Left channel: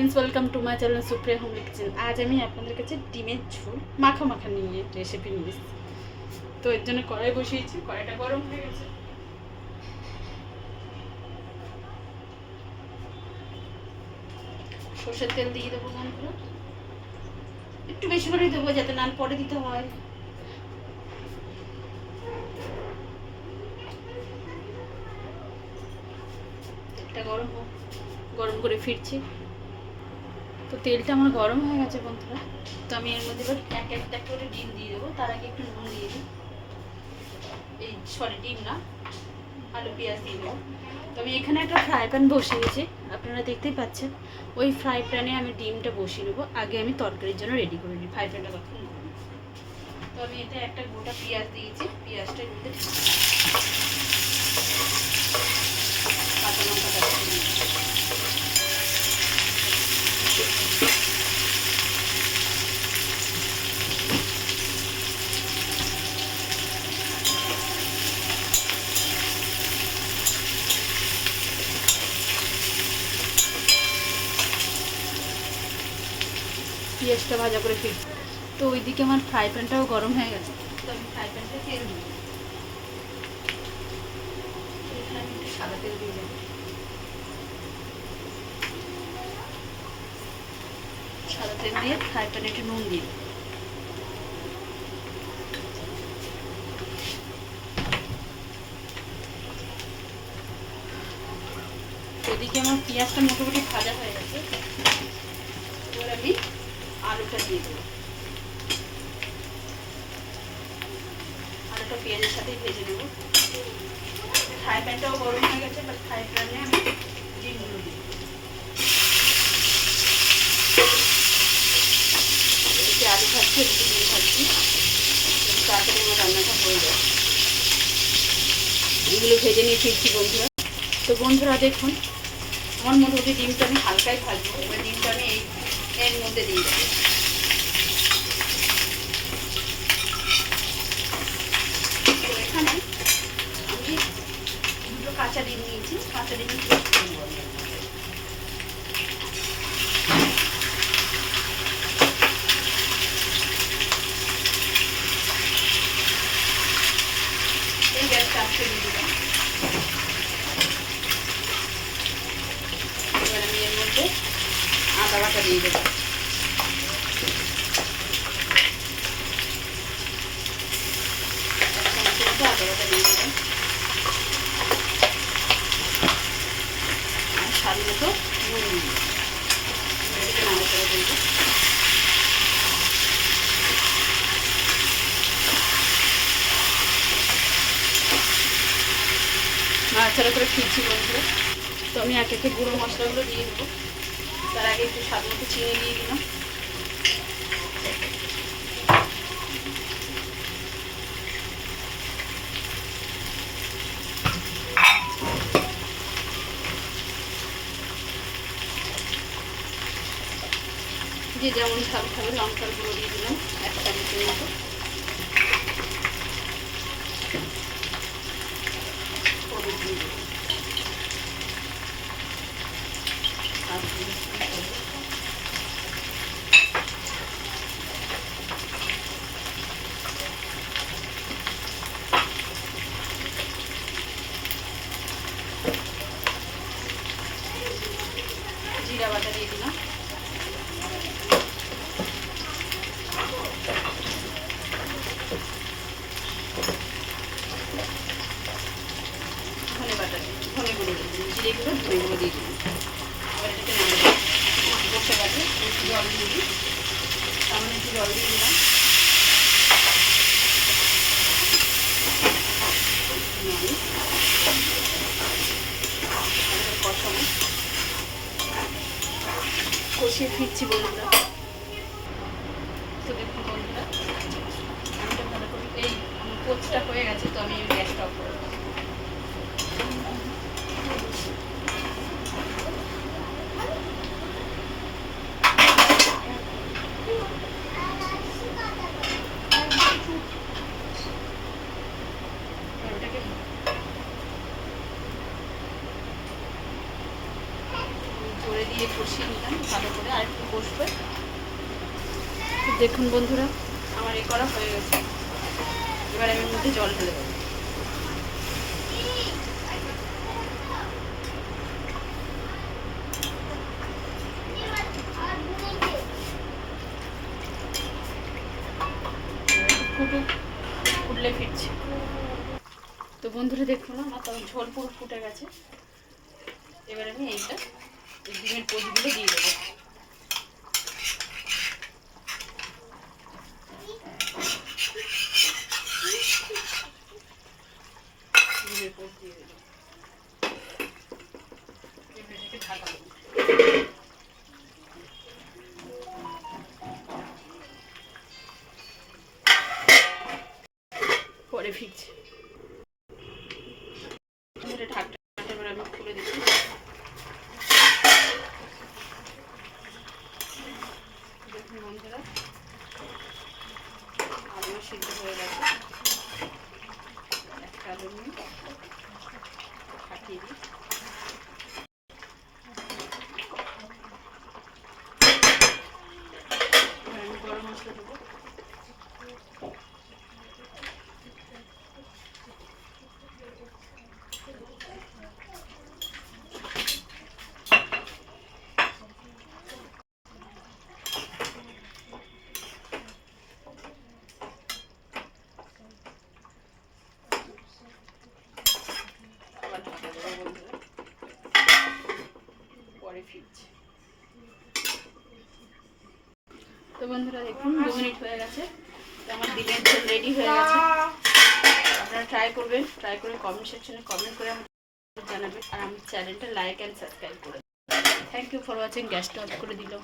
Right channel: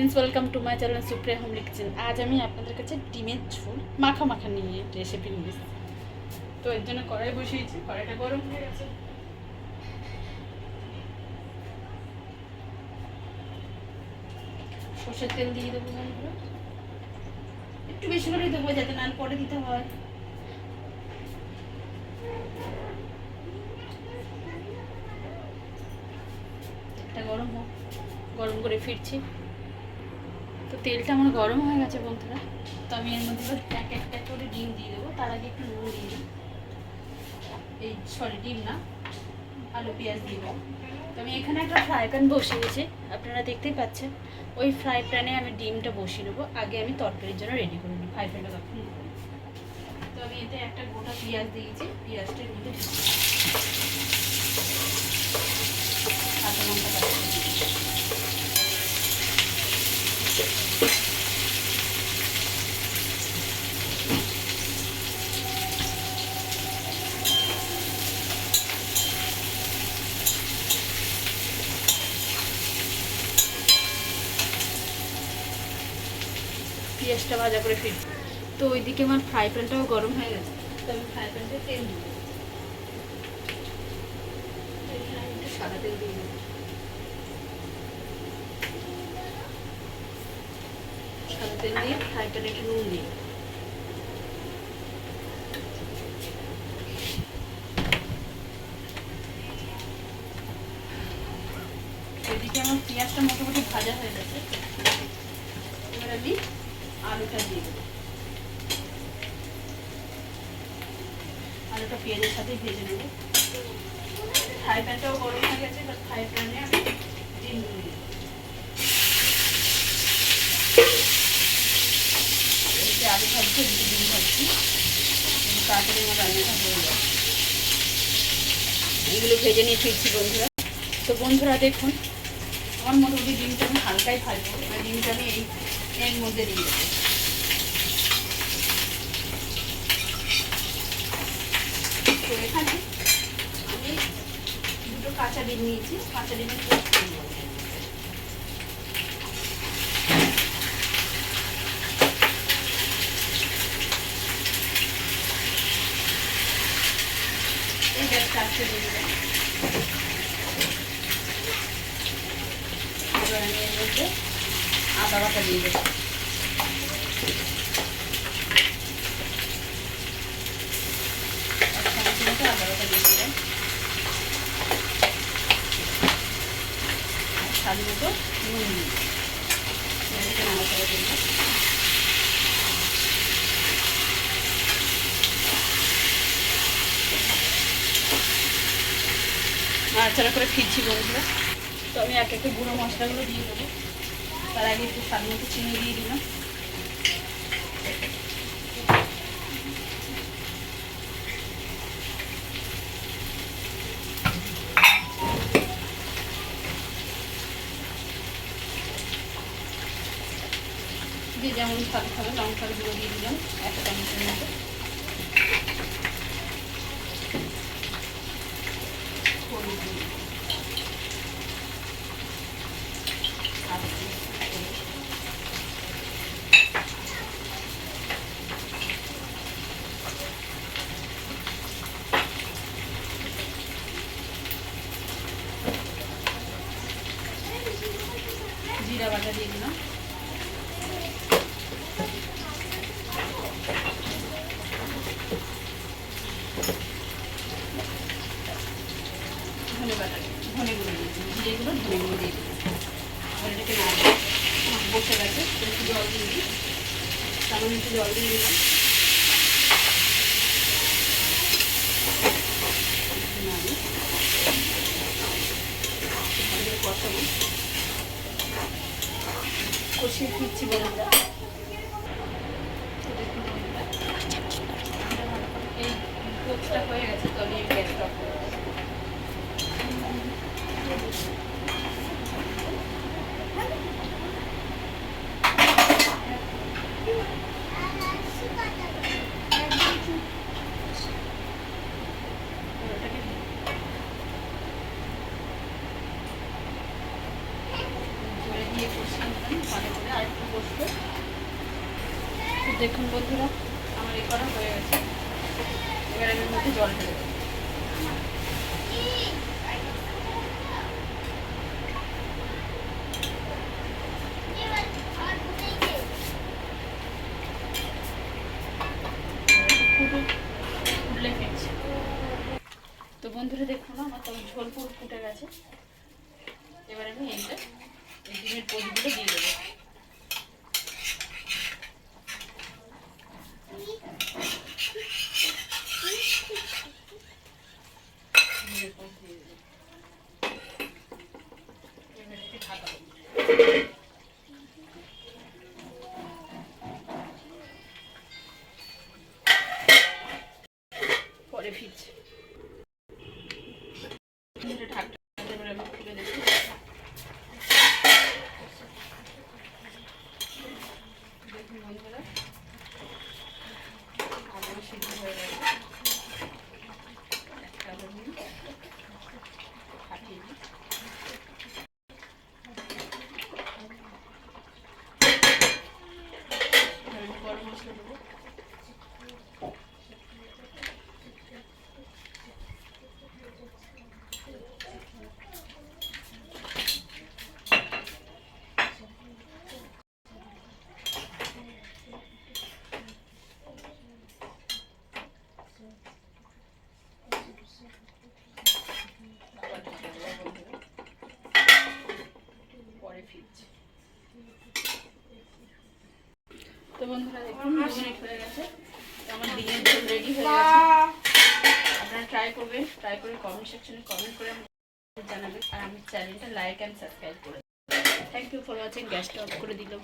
Friends, welcome to my channel Supriya homely kitchen. আজ আমি আপনাদের কাছে ডিমের ঝোল মাখা মাখা নিয়ে রেসিপি নিয়ে এসেছি। তো এর জন্য কড়াই বসিয়েছি, কড়াইটা গরম হয়ে গেছে। সর্ষের তেল দিয়ে দেবো, একটু বেশি করে দেবো যাতে নান পরে দিতে হয়। তেলটা গরম হোক, গরম করে ফিরছি। তো তেলটা আমার গরম হয়ে গেছে বন্ধুরা। তো আমি এর মধ্যে এক একটা করে ডিম দিয়ে দেবো। তার আগে একটু নুন দিয়ে দিই। ডিম না, আলু পেঁয়াজ দিয়ে দেবো। তো আমি এখানে একটা ফ্রাই প্যান বসিয়েছি, আপনারা দেখতেই পাচ্ছেন। ওই ফ্রাই প্যানে আমি ডিমটা বসিয়ে নেবো। আগে আমি তরকারির জন্য রেডি করে নিই ফ্রাই প্যানটা তখন। তো আমি এতে একটা গোটা পেঁয়াজ দিয়েছি, পেঁয়াজটা এর মধ্যে কাঁচা লঙ্কাটা পেঁয়াজটা ভাজা করে ফিরছি। তো ওইদিকে আমার ফ্রাই প্যানটাও গরম হয়ে গেছে। তো আমি ফ্রাই প্যানটা তেল দিই, আমি একটু সাদা তেল দিয়ে দেবো। সাদা তেল দিয়ে ফ্রাই প্যানে একটু নুন দিয়ে, এদিকে আমার পেঁয়াজটা মোটামুটি ভাজা হয়ে গেছে। এবার আমি আলুটা দিয়ে দেবো। আলুটা পেঁয়াজের সাথেই ভেজে নেবো। ফ্রাই প্যানটাও গরম হয়ে গেছে, বা ফ্রাই প্যানে আমি ডিম দিই। এদিকে আলু ভাজছি, এদিকে ডিম ভাজছি, তাড়াতাড়ি আমার রান্নাটা হয়ে যায়। এগুলো ভেজে নিয়ে ফিরছি বন্ধুরা। তো বন্ধুরা দেখুন, আমার মোটামুটি ডিমটা আমি হালকাই ভাজবো। এবার ডিমটা আমি এর মধ্যে দিয়ে দেবো। তো এখানে আমি দুটো কাঁচা ডিম নিয়েছি, কাঁচা ডিমের পেস্ট দিয়ে দেবো। এই গ্যাসটা আজকে দিয়ে দেবো। এবার আমি এর মধ্যে আদা বাটা দিয়ে দেবো। আদা বাটা দিয়ে দেবেন, স্বাদ মতো নুন দিয়ে নাড়াচাড়া দিয়ে দেবো। নাড়াচাড়া করে ফিরছি বন্ধুরা। তো আমি এক একে গুঁড়ো মশলাগুলো দিয়ে দেবো। তার আগে একটু স্বাদ মতো চিনি দিয়ে দিলাম। যে যেমন স্বাদ খাবে লঙ্কার গুঁড়ো দিয়ে দিলাম একটা চামচের মতো। হলুদ দিয়ে দিলাম। জিরা বাটা দিয়ে দিলাম। ধনে বাটা ধনে গুঁড়ো দিয়ে দিলাম, জিরে গুঁড়ো ধনে গুঁড়ো দিয়ে দিলাম। এবার এটাকে নাড়বো। বসে গেছে, একটু জল দিয়ে দিই, সামান্য একটু জল দিয়ে দিলাম। কষিয়ে ফিরছি বন্ধুরা। তো দেখুন বন্ধুরা, ভালো করে এই কোচটা হয়ে গেছে। তো আমি গ্যাসটা অফ করে দেবো। ধরে দিয়ে কষিয়ে নিলাম ভালো বসবে। তো দেখুন বন্ধুরা, আমার এ করা হয়ে গেছে। এবার আমি এর মধ্যে জল ঢেলে দেবো। ফুটলে ফিরছে। তো বন্ধুরা দেখুন আমার তখন ঝোল পুরো ফুটে গেছে। এবার আমি এই ডিমের পোচগুলো দিয়ে দেবো। ডিমের পোচ দিয়ে দেবো। ঢাকা দেবো। পরে ফিরছি। ঢাকটা আমি খুলে দিচ্ছি। দেখুন বন্ধুরা, আলু সিদ্ধ হয়ে গেছে। একটা আলু ফাটিয়ে দিই। গরম মশলা দেবো। পরে ফিরছি। তো বন্ধুরা দেখুন 2 মিনিট হয়ে গেছে। আমার ডিমের ঝোল রেডি হয়ে গেছে। আপনারা ট্রাই করবেন, ট্রাই করে কমেন্ট সেকশনে কমেন্ট করে জানাবেন। আর আমার চ্যানেলটা লাইক অ্যান্ড সাবস্ক্রাইব করে। Thank you for watching. গ্যাসটা অফ করে দিলাম।